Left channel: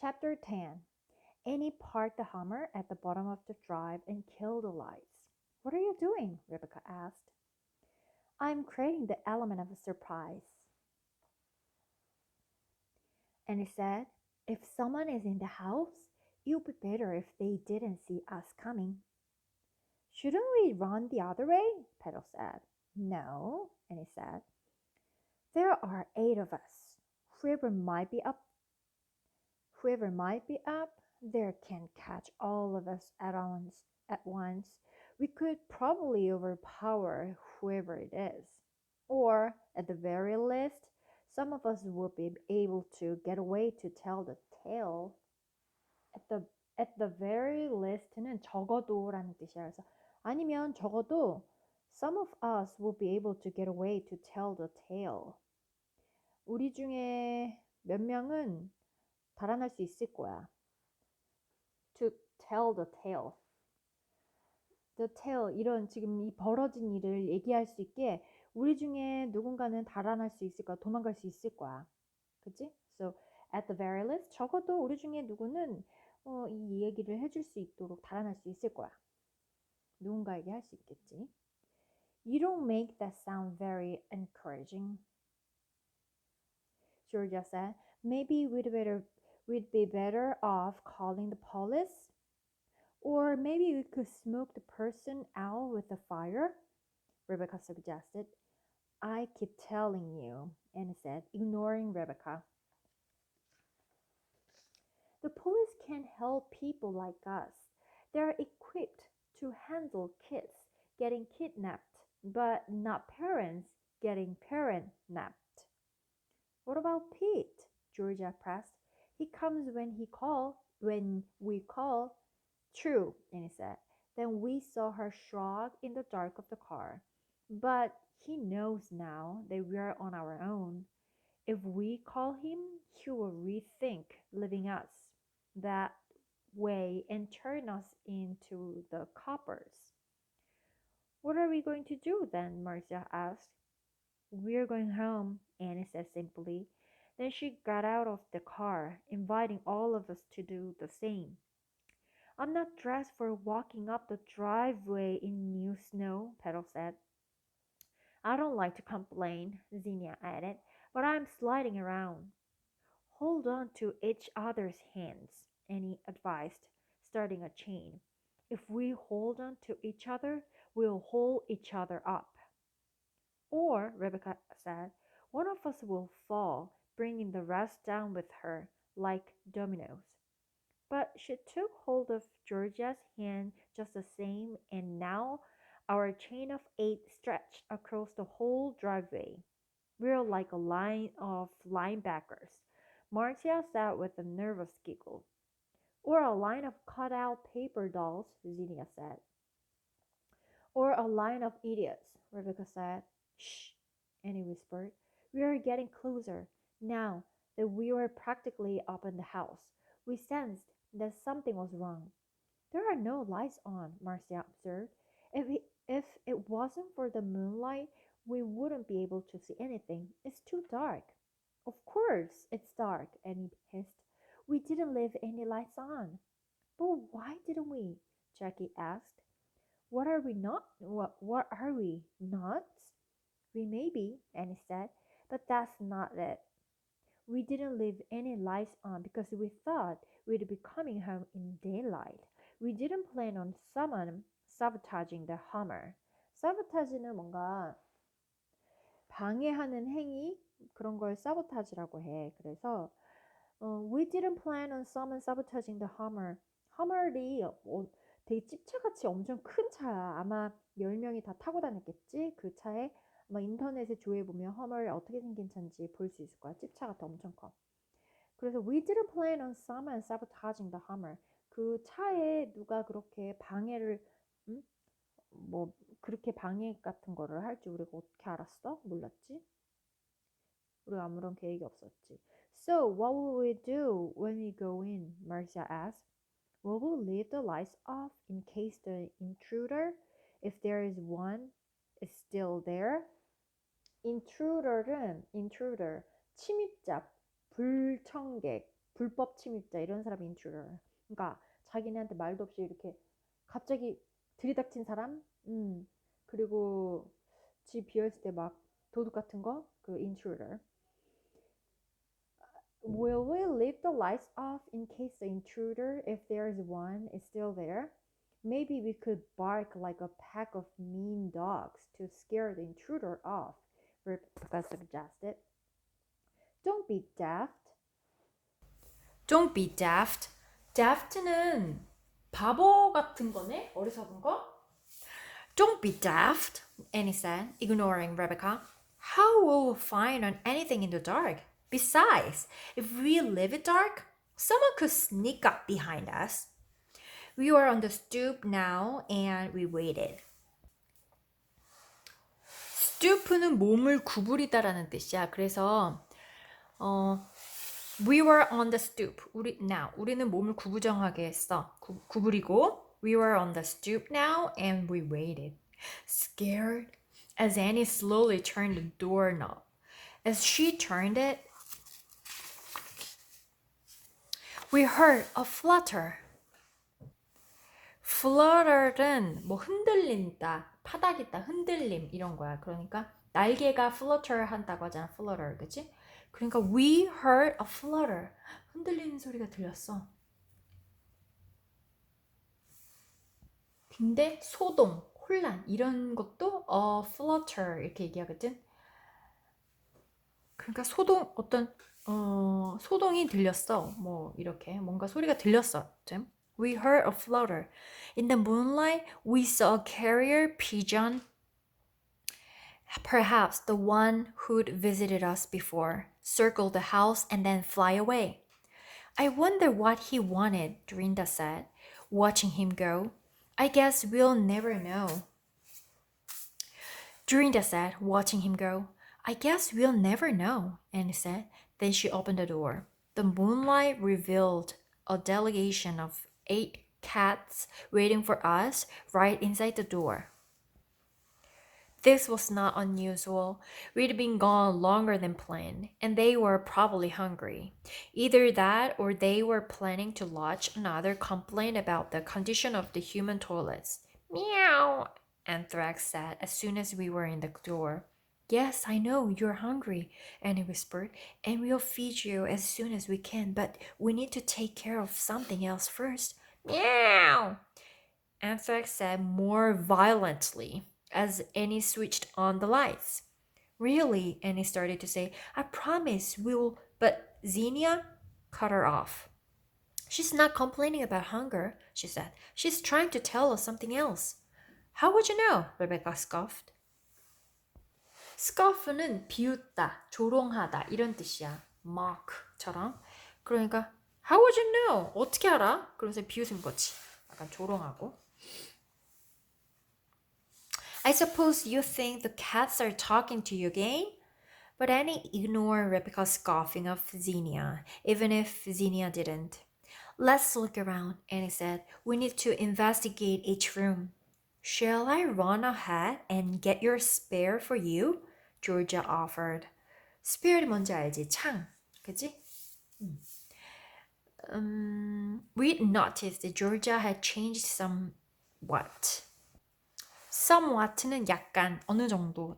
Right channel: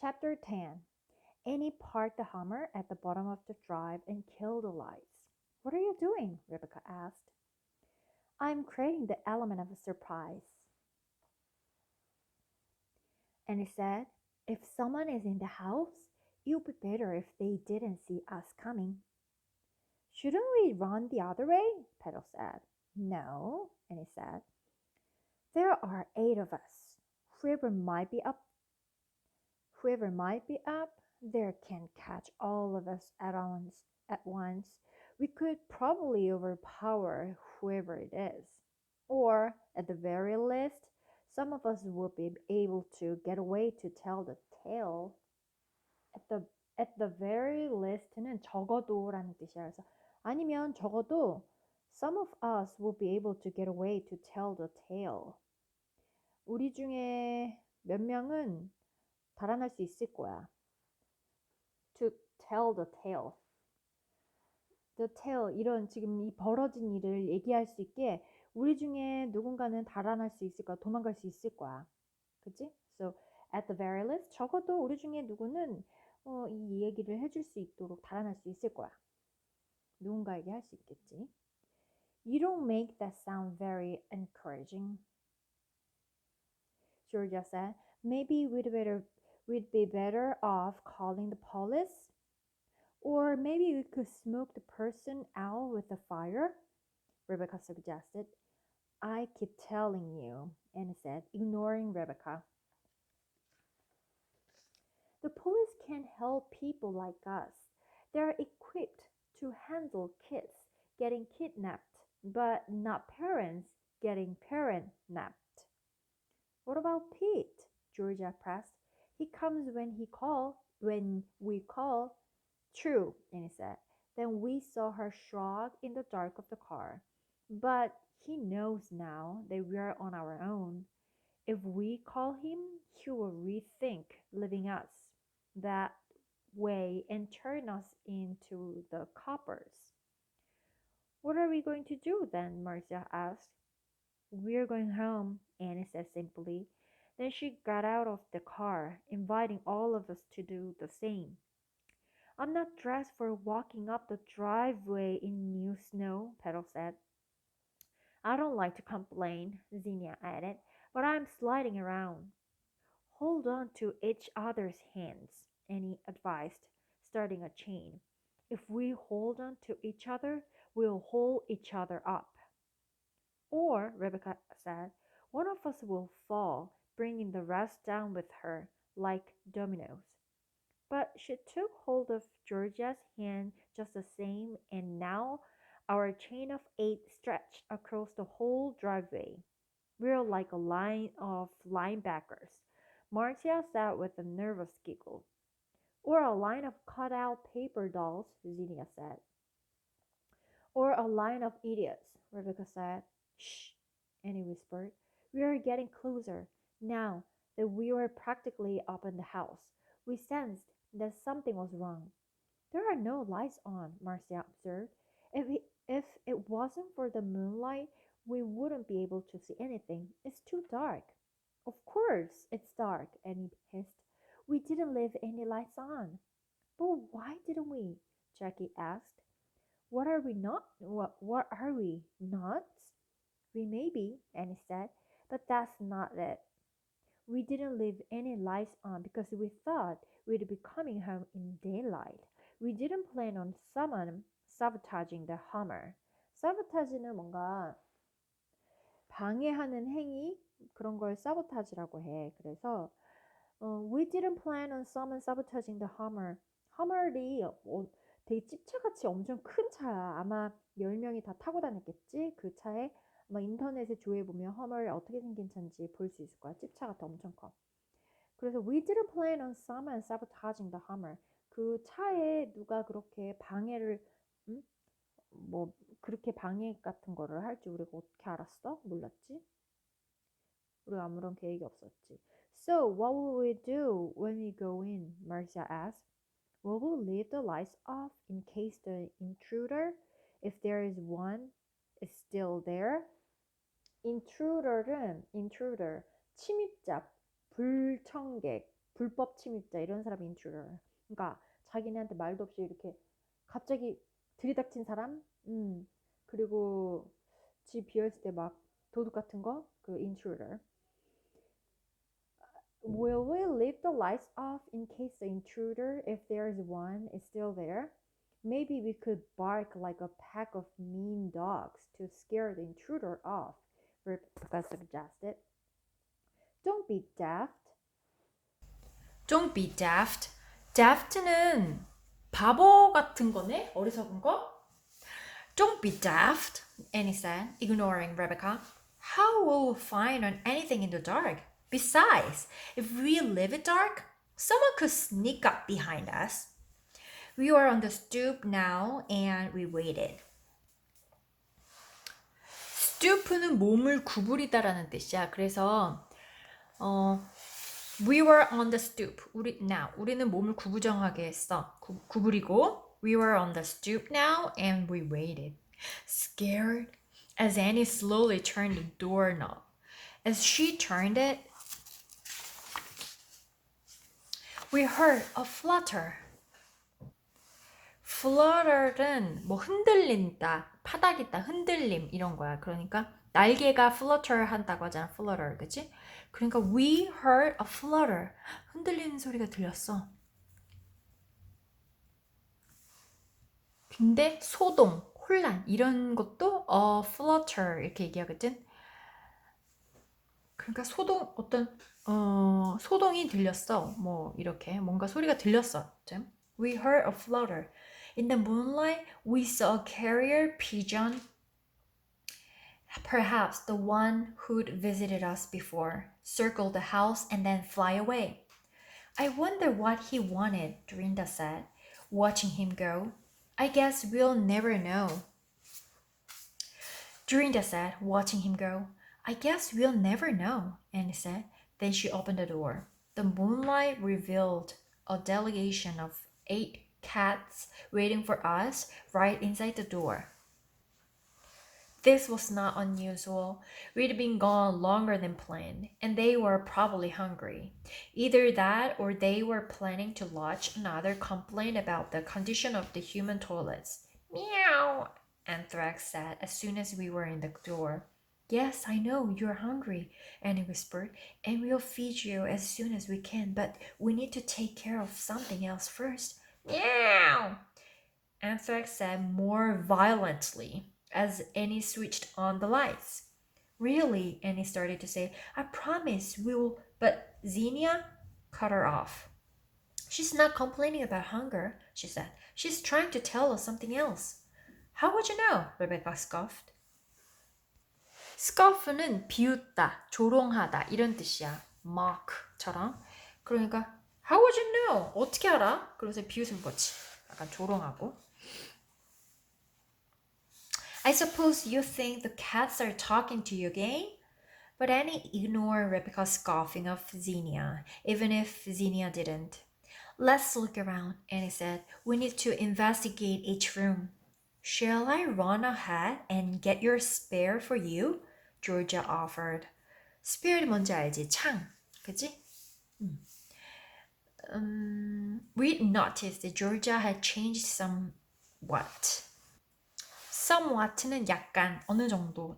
Chapter 10. Annie parked the Hummer at the bottom of the drive and killed the lights. What are you doing? Rebecca asked. I'm creating the element of a surprise. Annie said, if someone is in the house, it would be better if they didn't see us coming. Shouldn't we run the other way? Petal said. No, Annie said. There are 8 of us. Whoever might be up, whoever might be up, there can catch all of us at once. We could probably overpower whoever it is. Or, at the very least, some of us would be able to get away to tell the tale. At the at the very least는 적어도라는 뜻이야. 그래서 아니면 적어도 some of us will be able to get away to tell the tale. 우리 중에 몇 명은 달아날 수 있을 거야. To tell the tale. The tale 이런 지금 이 벌어진 일을 얘기할 수 있게 우리 중에 누군가는 달아날 수 있을 거야. 도망갈 수 있을 거야. 그치? So at the very least 적어도 우리 중에 누구는 이 얘기를 해줄 수 있도록 달아날 수 있을 거야. 누군가에게 할 수 있겠지. You don't make that sound very encouraging. Georgia said, maybe we'd be better off calling the police? Or maybe we could smoke the person out with a fire? Rebecca suggested. I keep telling you, Annie said, ignoring Rebecca. The police can't help people like us. They're equipped to handle kids getting kidnapped, but not parents getting parent-napped. What about Pete? Georgia pressed. He comes when we call. True, Annie said. Then we saw her shrug in the dark of the car. But he knows now that we are on our own. If we call him, he will rethink leaving us that way and turn us into the coppers. What are we going to do then? Marcia asked. We're going home, Annie said simply. Then she got out of the car, inviting all of us to do the same. I'm not dressed for walking up the driveway in new snow, Petal said. I don't like to complain, Zinnia added, but I'm sliding around. Hold on to each other's hands, Annie advised, starting a chain. If we hold on to each other, we'll hold each other up. Or, Rebecca said, one of us will fall, bringing the rest down with her, like dominoes. But she took hold of Georgia's hand just the same, and now our chain of 8 stretched across the whole driveway. We're like a line of linebackers, Marcia said with a nervous giggle. Or a line of cut-out paper dolls, Zinnia said. Or a line of idiots, Rebecca said. Shh, Annie whispered. We are getting closer. Now that we were practically up in the house, we sensed that something was wrong. There are no lights on, Marcia observed. If it wasn't for the moonlight, we wouldn't be able to see anything. It's too dark. Of course, it's dark, Annie hissed. We didn't leave any lights on. But why didn't we? Jackie asked. What are we not? What are we? Nuts? We may be, Annie said, but that's not it. We didn't leave any lights on because we thought we'd be coming home in daylight. We didn't plan on someone sabotaging the Hummer. sabotage는 뭔가 방해하는 행위 그런 걸 sabotage라고 해. 그래서 we didn't plan on someone sabotaging the Hummer. Hummer이 되게 찝차같이 엄청 큰 차야. 아마 10명이 다 타고 다녔겠지? 그 차에 아마 인터넷에 조회해보면 허머를 어떻게 생긴 차인지 볼 수 있을 거야. 찝차 같아 엄청 커. 그래서 we didn't plan on someone sabotaging the Hummer. 그 차에 누가 그렇게 방해를 뭐 그렇게 방해 같은 거를 할지 우리가 어떻게 알았어? 몰랐지? 우리가 아무런 계획이 없었지. So what will we do when we go in? Marcia asked. Will we leave the lights off in case the intruder, if there is one, is still there? intruder, 침입자, 불청객, 불법 침입자 이런 사람이 intruder. 그러니까 자기네한테 말도 없이 이렇게 갑자기 들이닥친 사람, 그리고 집 비어있을 때 막 도둑 같은 거, 그 intruder. Will we leave the lights off in case the intruder, if there's one, is still there? Maybe we could bark like a pack of mean dogs to scare the intruder off, Rebecca suggested. Don't be daft. Don't be daft. daft는 바보 같은 거네? 어리석은 거? Don't be daft, Annie said, ignoring Rebecca. How will we find on anything in the dark? Besides, if we leave it dark, someone could sneak up behind us. We were on the stoop now and we waited. stoop는 몸을 구부리다라는 뜻이야. 그래서 we were on the stoop. 우리는 몸을 구부정하게 했어. 구부리고 we were on the stoop now and we waited. Scared as Annie slowly turned the doorknob. As she turned it, we heard a flutter. flutter는 뭐 흔들린다, 파닥이다, 흔들림 이런 거야. 그러니까 날개가 flutter 한다고 하잖아. flutter, 그치? 그러니까 we heard a flutter. 흔들리는 소리가 들렸어. 근데 소동, 혼란 이런 것도 flutter 이렇게 얘기하거든. 그러니까 소동이 들렸어. 뭐 이렇게 뭔가 소리가 들렸어. We heard a flutter. In the moonlight, we saw a carrier pigeon, perhaps the one who'd visited us before, circle the house and then fly away. I wonder what he wanted, Dorinda said, watching him go. I guess we'll never know. Dorinda said, watching him go. I guess we'll never know, Annie said. Then she opened the door. The moonlight revealed a delegation of 8 cats waiting for us right inside the door. This was not unusual. We'd been gone longer than planned, and they were probably hungry. Either that or they were planning to lodge another complaint about the condition of the human toilets. Meow, Anthrax said as soon as we were in the door. Yes, I know you're hungry, Annie whispered, and we'll feed you as soon as we can, but we need to take care of something else first. Meow! Anthrax said more violently as Annie switched on the lights. Really, Annie started to say, I promise we will, but Xenia cut her off. She's not complaining about hunger, she said. She's trying to tell us something else. How would you know? Rebecca scoffed. scoff는 비웃다, 조롱하다 이런 뜻이야. mock처럼. 그러니까 How would you know? 어떻게 알아? 그러면서 비웃은 거지. 약간 조롱하고. I suppose you think the cats are talking to you again? But Annie ignored Rebecca's scoffing of Xenia, even if Xenia didn't. Let's look around, Annie said. We need to investigate each room. Shall I run ahead and get your spare for you? Georgia offered. Spare 뭔지 알지? 창. 그치? We'd noticed that Georgia had changed somewhat. somewhat는 약간, 어느 정도,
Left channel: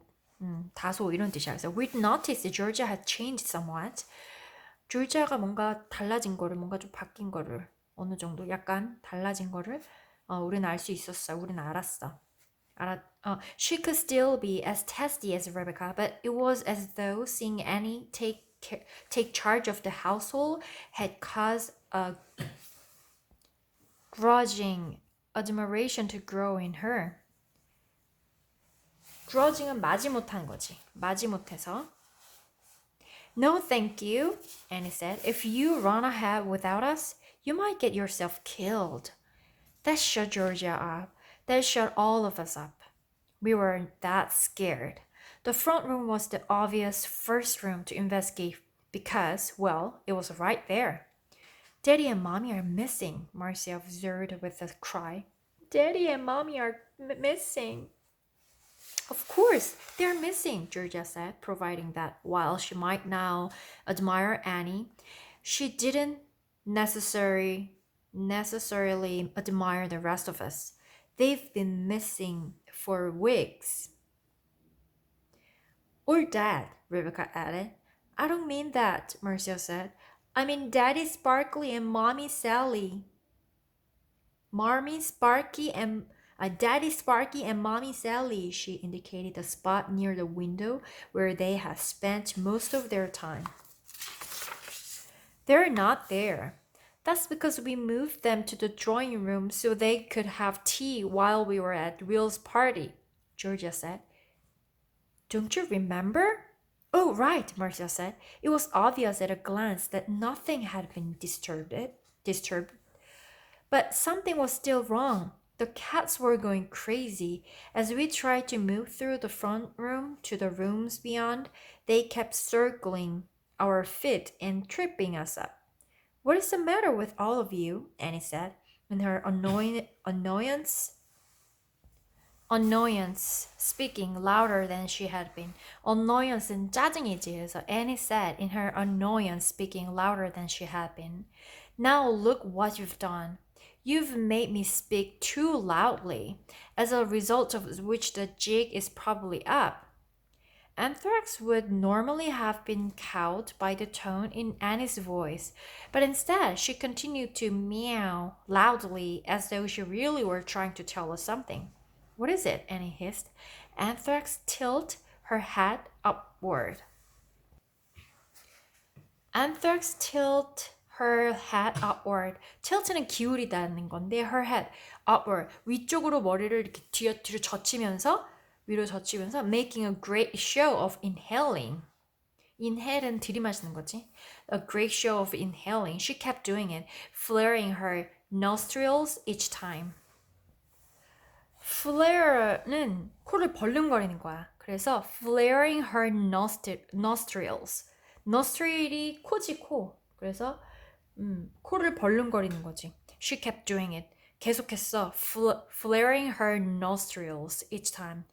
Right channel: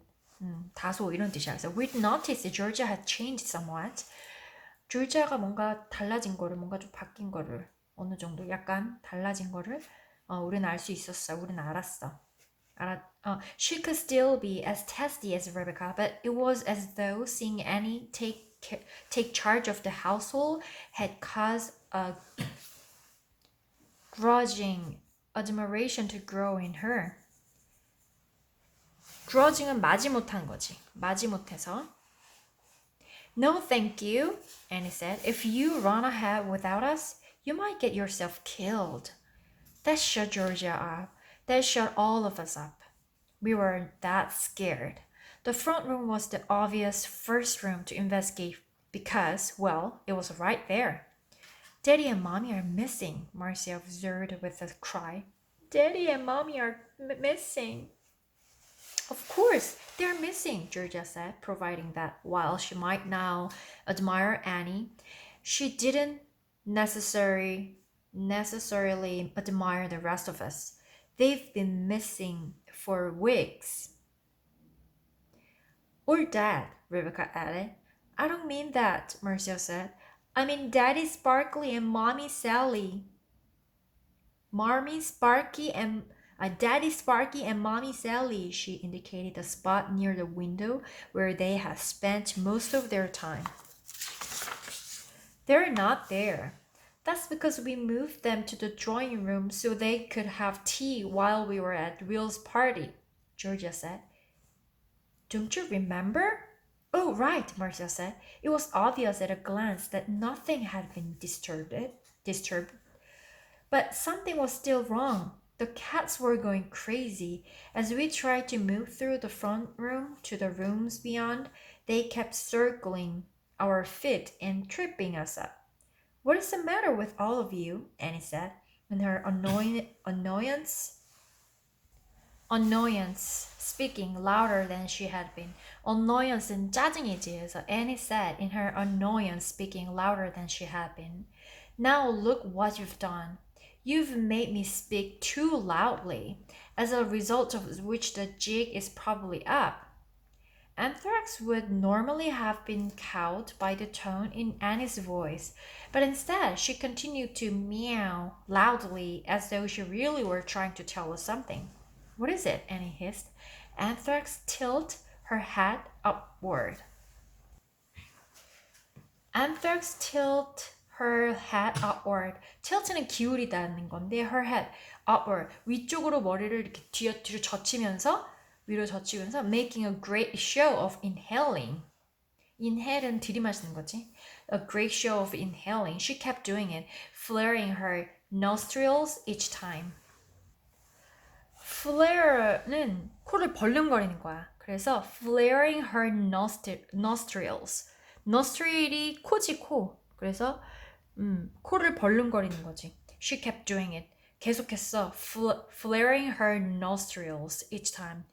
다소 이런 뜻이야. 그래서 we'd noticed that Georgia had changed somewhat. 조지아가 뭔가 달라진 거를, 뭔가 좀 바뀐 거를, 어느 정도 약간 달라진 거를 우리는 알 수 있었어. 우리는 알았어. She could still be as testy as Rebecca, but it was as though seeing Annie take charge of the household had caused a grudging admiration to grow in her. grudging은 마지못한 거지. 마지못해서. No, thank you, Annie said. If you run ahead without us, you might get yourself killed. That shut Georgia up. That shut all of us up. We were that scared. The front room was the obvious first room to investigate because, well, it was right there. Daddy and Mommy are missing, Marcia observed with a cry. Daddy and Mommy are missing. Of course, they're missing, Georgia said, providing that while she might now admire Annie, she didn't necessarily admire the rest of us. They've been missing for weeks. Or Dad, Rebecca added. I don't mean that, Marcia said. I mean Daddy Sparkly and Mommy Sally. Daddy Sparky and Mommy Sally, she indicated the spot near the window where they had spent most of their time. They're not there. That's because we moved them to the drawing room so they could have tea while we were at Will's party, Georgia said. Don't you remember? Oh, right, Marcia said. It was obvious at a glance that nothing had been disturbed. But something was still wrong. The cats were going crazy. As we tried to move through the front room to the rooms beyond, they kept circling our feet and tripping us up. What is the matter with all of you? Annie said, in her annoyance, speaking louder than she had been. Annoyance는 짜증이지. 그래서 Annie said in her annoyance, speaking louder than she had been. Now look what you've done. You've made me speak too loudly, as a result of which the jig is probably up. Anthrax would normally have been cowed by the tone in Annie's voice, but instead she continued to meow loudly as though she really were trying to tell us something. What is it? Annie hissed. Anthrax tilted her head upward. Anthrax tilted her head upward. tilt는 기울이다는 건데 her head upward. 위쪽으로 머리를 이렇게 뒤로 젖히면서 위로 젖히면서 making a great show of inhaling. Inhale은 들이마시는 거지. A great show of inhaling. She kept doing it, flaring her nostrils each time. Flare는 코를 벌름거리는 거야. 그래서 flaring her nostrils. nostril이 코지 코. 그래서 코를 벌름거리는 거지. She kept doing it. 계속했어. flaring her nostrils each time.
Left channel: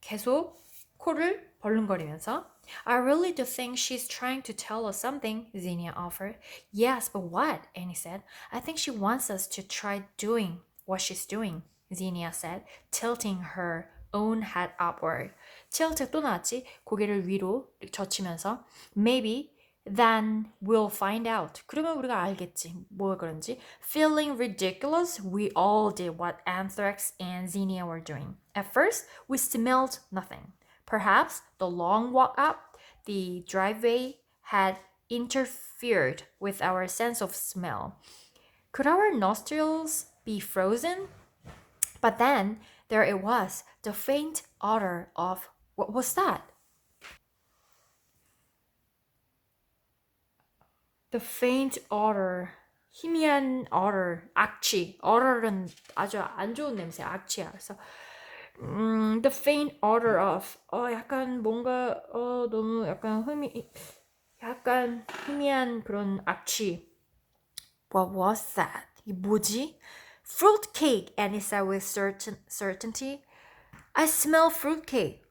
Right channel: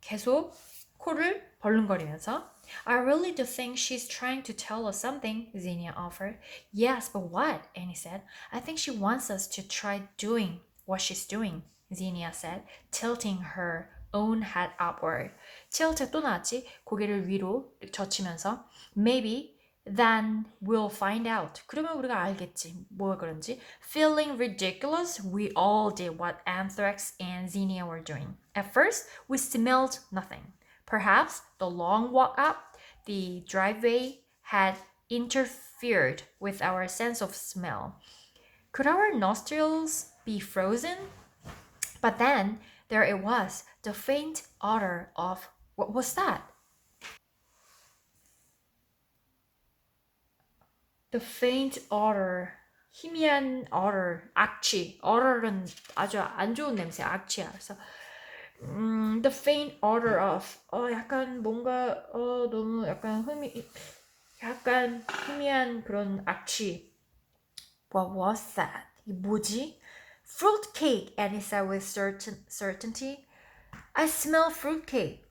계속 코를 벌름거리면서. I really do think she's trying to tell us something, Zinnia offered. Yes, but what? Annie said. I think she wants us to try doing what she's doing, Zinnia said, tilting her own head upward. tilt 또 나왔지? 고개를 위로 젖히면서. Maybe then we'll find out. 그러면 우리가 알겠지. 뭐가 그런지. Feeling ridiculous, we all did what Anthrax and Zinnia were doing. At first, we smelled nothing. Perhaps the long walk up the driveway had interfered with our sense of smell. Could our nostrils be frozen? But then there it was, the faint odor of... What was that? The faint odor, 희미한 odor, 악취. odor은 아주 안 좋은 냄새, 악취야. 그래서 the faint odor of 약간 뭔가 너무 약간 약간 희미한 그런 악취. What was that? 이게 뭐지? Fruitcake, Annie said with certainty. I smell fruitcake.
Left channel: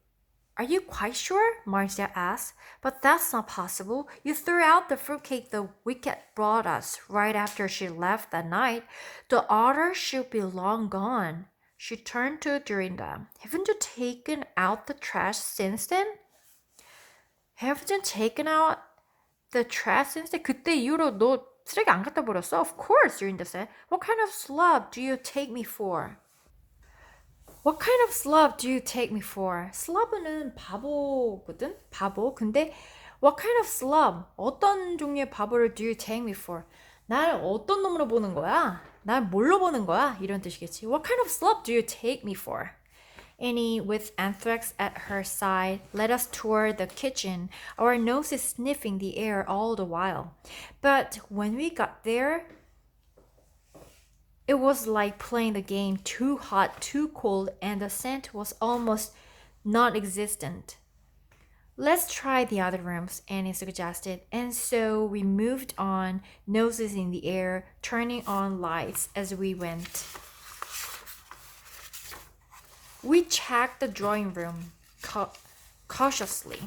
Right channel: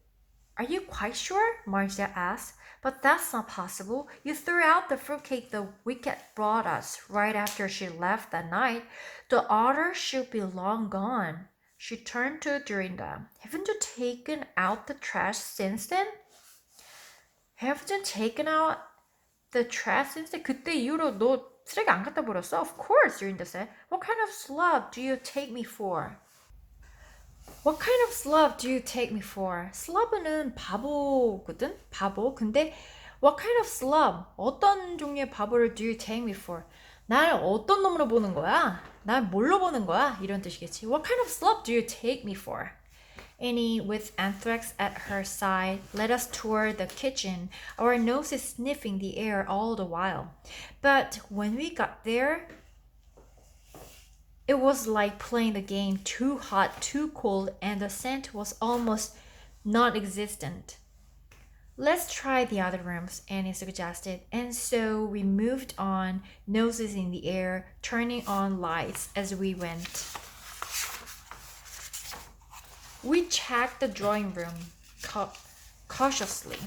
Are you quite sure? Marcia asked. But that's not possible. You threw out the fruitcake the wicket brought us right after she left that night. The odor should be long gone. She turned to Dorinda. Haven't you taken out the trash since then? Haven't you taken out the trash since then? 그때 이후로 너 쓰레기 안 갖다 버렸어? Of course, Dorinda said. What kind of slob do you take me for? What kind of slob do you take me for? slob는 바보거든? 바보. 근데 what kind of slob? 어떤 종류의 바보를 do you take me for? 날 어떤 놈으로 보는 거야? 날 뭘로 보는 거야? 이런 뜻이겠지. What kind of slob do you take me for? Annie, with Anthrax at her side, led us toward the kitchen, our noses sniffing the air all the while. But when we got there, it was like playing the game too hot, too cold, and the scent was almost non-existent. Let's try the other rooms, Annie suggested, and so we moved on, noses in the air, turning on lights as we went. We checked the drawing room cautiously,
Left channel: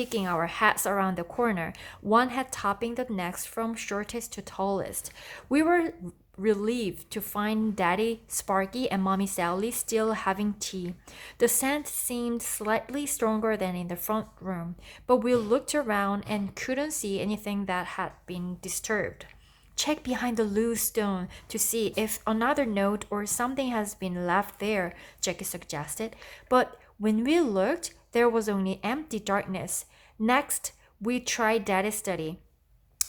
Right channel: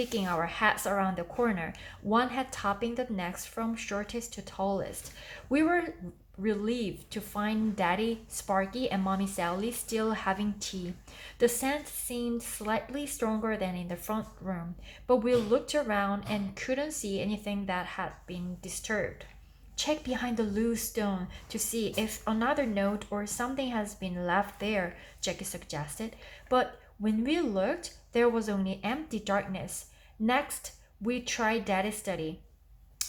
kicking our hats around the corner, one hat topping the next from shortest to tallest. We were relieved to find Daddy Sparky and Mommy Sally still having tea. The scent seemed slightly stronger than in the front room, but we looked around and couldn't see anything that had been disturbed. Check behind the loose stone to see if another note or something has been left there, Jackie suggested. But when we looked, there was only empty darkness. Next, we tried Daddy's study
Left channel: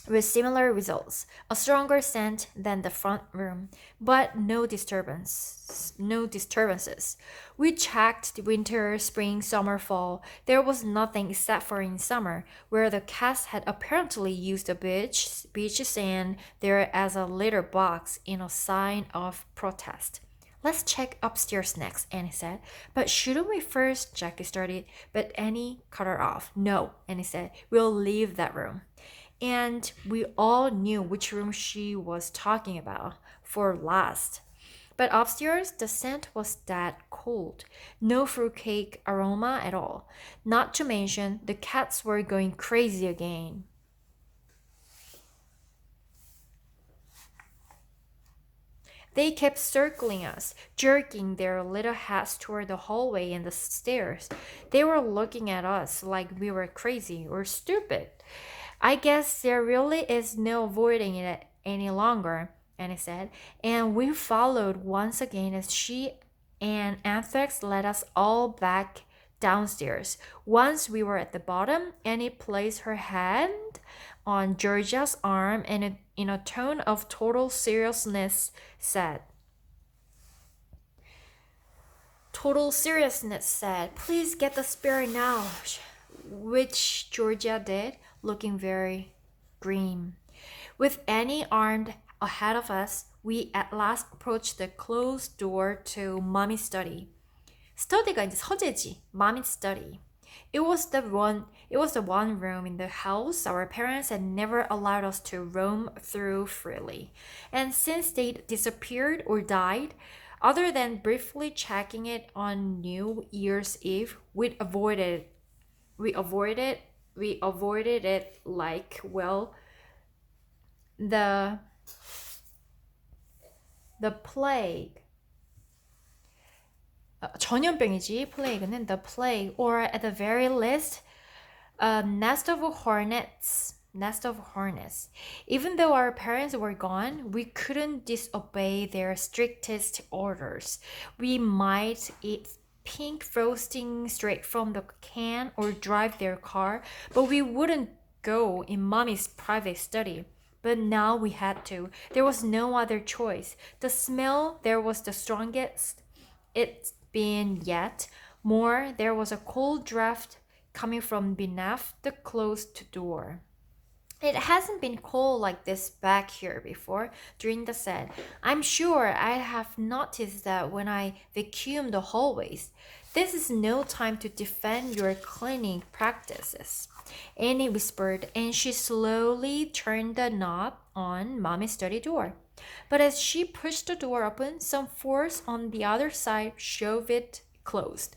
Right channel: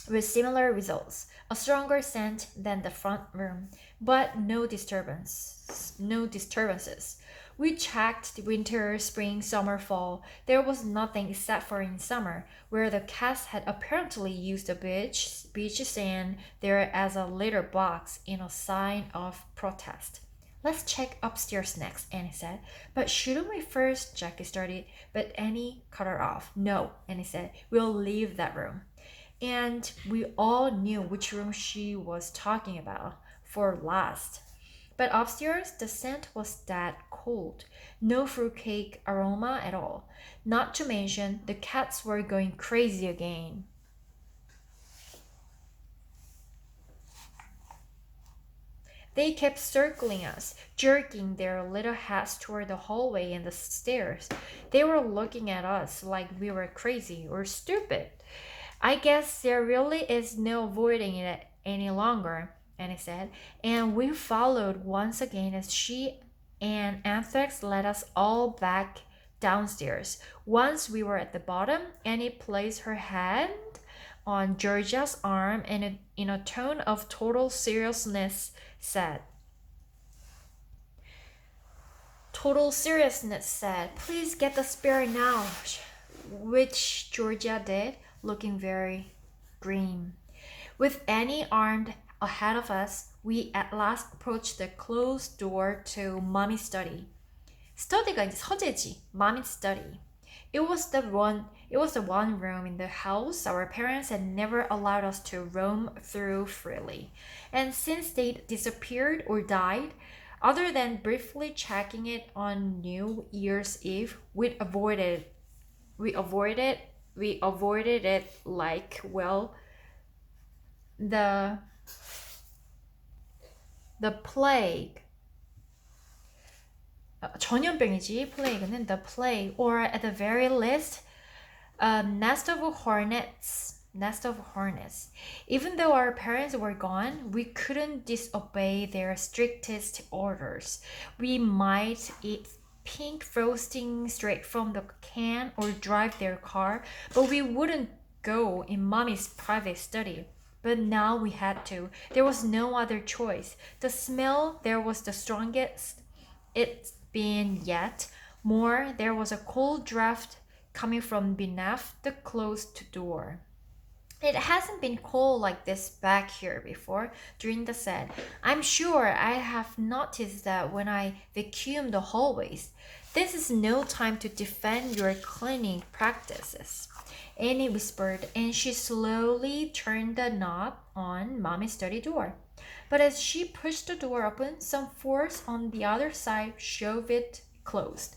with similar results. A stronger scent than the front room, but no disturbances. We checked winter, spring, summer, fall. There was nothing except for in summer, where the cats had apparently used the beach sand there as a litter box in a sign of protest. Let's check upstairs next, Annie said. But shouldn't we first? Jackie started, but Annie cut her off. No, Annie said. We'll leave that room. And we all knew which room she was talking about for last. But upstairs, the scent was that cold. No fruitcake aroma at all. Not to mention, the cats were going crazy again. They kept circling us, jerking their little heads toward the hallway and the stairs. They were looking at us like we were crazy or stupid. I guess there really is no avoiding it any longer, Annie said, and we followed once again as she and Anthrax led us all back downstairs. Once we were at the bottom, Annie placed her hand on Georgia's arm and in a tone of total seriousness said, please get the spear now, which Georgia did, looking very grim. With Annie armed ahead of us, we at last approached the closed door to Mommy's study. Study가 이제 서재지, Mommy's study. It was the one room in the house our parents had never allowed us to roam through freely. And since they'd disappeared or died, other than briefly checking it on New Year's Eve, we avoided it like, well, the plague. 전염병이지, plague는 the plague, or at the very least, a nest of hornets. Even though our parents were gone, we couldn't disobey their strictest orders. We might eat pink frosting straight from the can or drive their car, but we wouldn't go in Mommy's private study. But now we had to. There was no other choice. The smell there was the strongest it's been yet. More, there was a cold draft coming from beneath the closed door. It hasn't been cold like this back here before, Drinda said. I'm sure I have noticed that when I vacuum the hallways. This is no time to defend your cleaning practices, Annie whispered, and she slowly turned the knob on Mommy's study door. But as she pushed the door open, some force on the other side shoved it closed.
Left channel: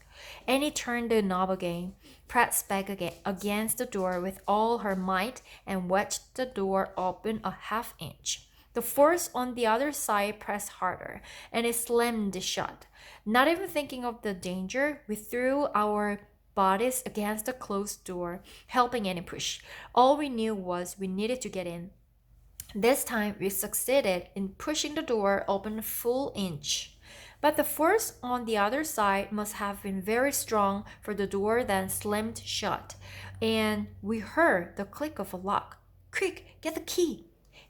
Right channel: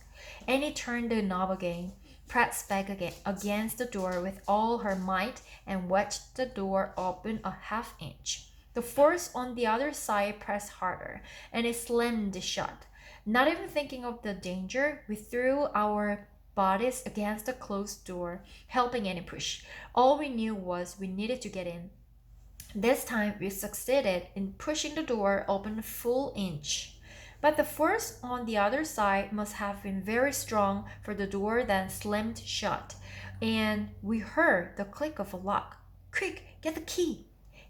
Annie turned the knob again, pressed back against the door with all her might, and wedged the door open a half-inch. The force on the other side pressed harder, and it slammed shut. Not even thinking of the danger, we threw our bodies against the closed door, helping Annie push. All we knew was we needed to get in. This time we succeeded in pushing the door open a full inch. But the force on the other side must have been very strong, for the door then slammed shut, and we heard the click of a lock. Quick, get the key,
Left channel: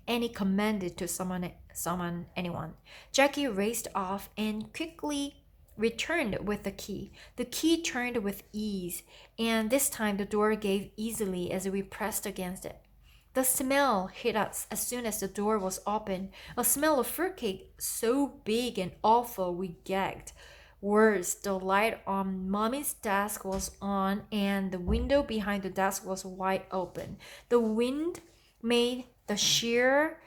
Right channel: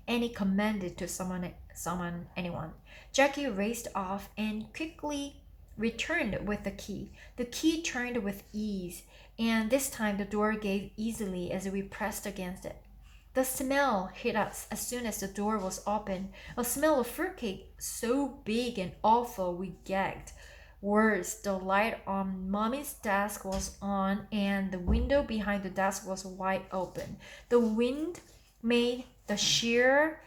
Annie commanded to summon anyone. Jackie raced off and quickly returned with the key. The key turned with ease, and this time the door gave easily as we pressed against it. The smell hit us as soon as the door was open, a smell of fruitcake so big and awful we gagged. Worse, the light on Mommy's desk was on and the window behind the desk was wide open. The wind made the sheer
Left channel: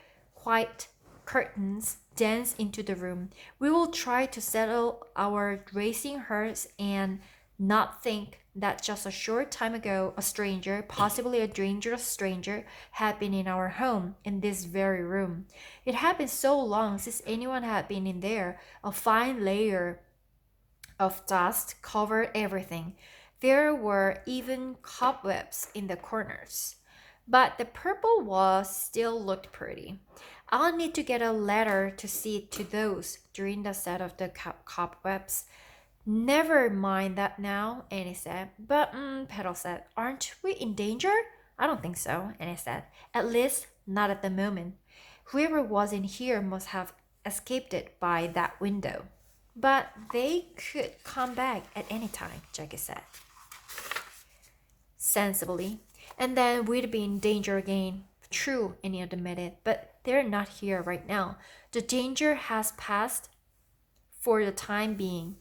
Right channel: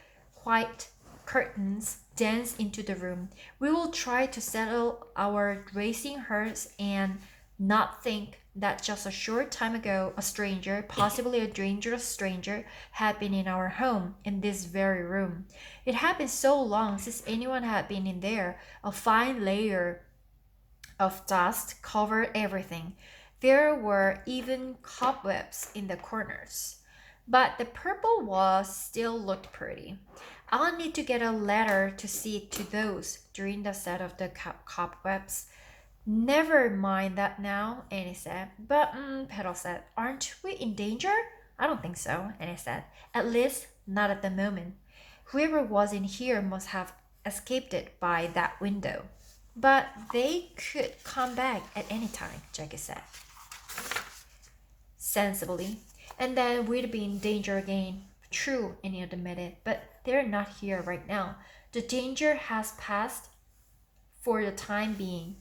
white curtains dance into the room. We will try to settle our racing hearts and not think that just a short time ago a stranger, possibly a dangerous stranger, had been in our home, in this very room. It had been so long since anyone had been in there. A fine layer of dust covered everything. There were even cobwebs in the corners. But the purple walls still looked pretty. I'll need to get a ladder to see to those, during the set of the cobwebs. Never mind that now, Annie said. But, Petal said, aren't we in danger? I don't think so, Annie said. At least, not at the moment. Whoever was in here must have escaped it by that window. But they could come back at any time, Jackie said. Sensibly. And then we'd be in danger again. True, Annie admitted, but they're not here right now. The danger has passed for the time being.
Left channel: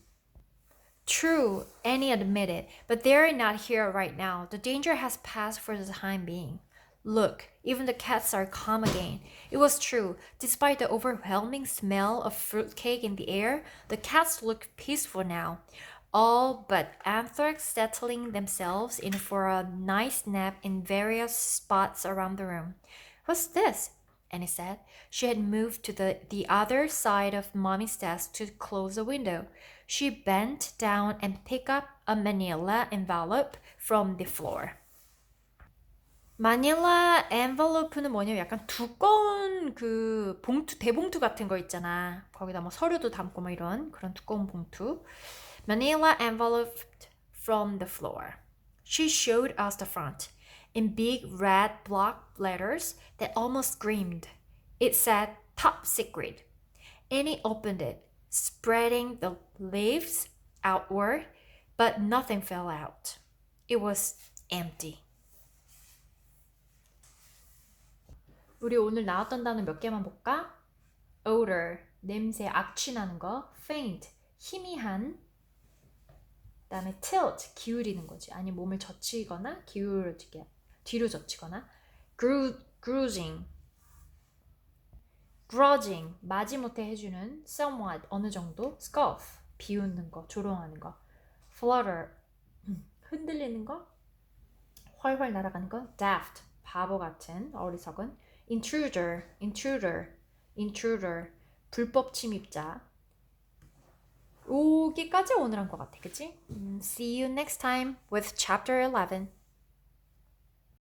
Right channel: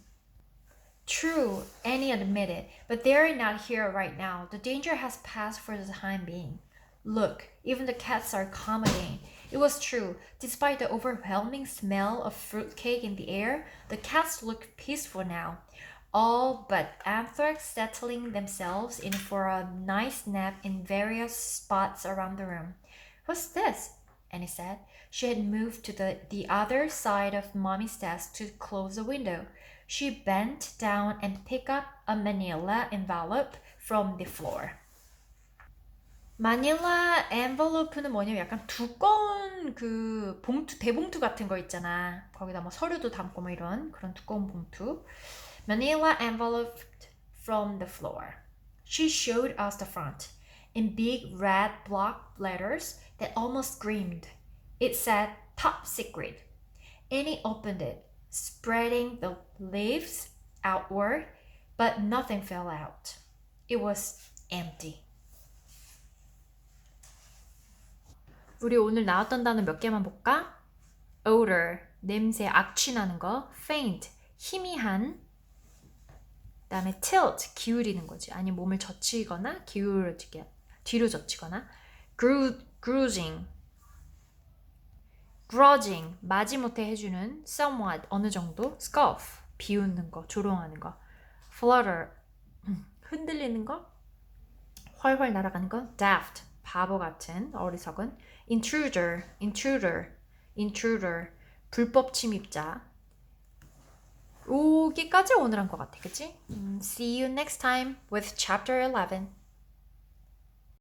True, Annie admitted, but they're not here right now. The danger has passed for the time being. Look, even the cats are calm again. It was true. Despite the overwhelming smell of fruitcake in the air, the cats looked peaceful now. All but Anthrax settling themselves in for a nice nap in various spots around the room. What's this? Annie said. She had moved to the other side of Mommy's desk to close the window. She bent down and picked up a manila envelope from the floor. 마닐라 envelope는 뭐냐면 약간 두꺼운 그 봉투, 대봉투 같은 거 있잖아. 거기다 뭐 서류도 담고 뭐 이런 그런 두꺼운 봉투. Manila envelope from the floor. She showed us the front in big red block letters that almost screamed. It said top secret. Annie opened it, spreading the leaves outward, but nothing fell out. It was empty. 우리 오늘 나왔던 단어 몇 개만 볼까? odor, 냄새, 악취 나는 거. faint, 희미한. 그다음에 tilt, 기울이는 거지. 아니 몸을 젖히거나 기울어지게 뒤로 젖히거나. bruising, grudging, 마지못해 해주는. somewhat, 어느 정도. scoff, 비웃는 거, 조롱하는 거. flutter, 흔들리는 거. 훨훨 날아가는 거. daft, 바보 같은, 어리석은. intruder, 불법 침입자. 여기까지 오늘 한 것 같아, 그치? See you next time with chapter 11.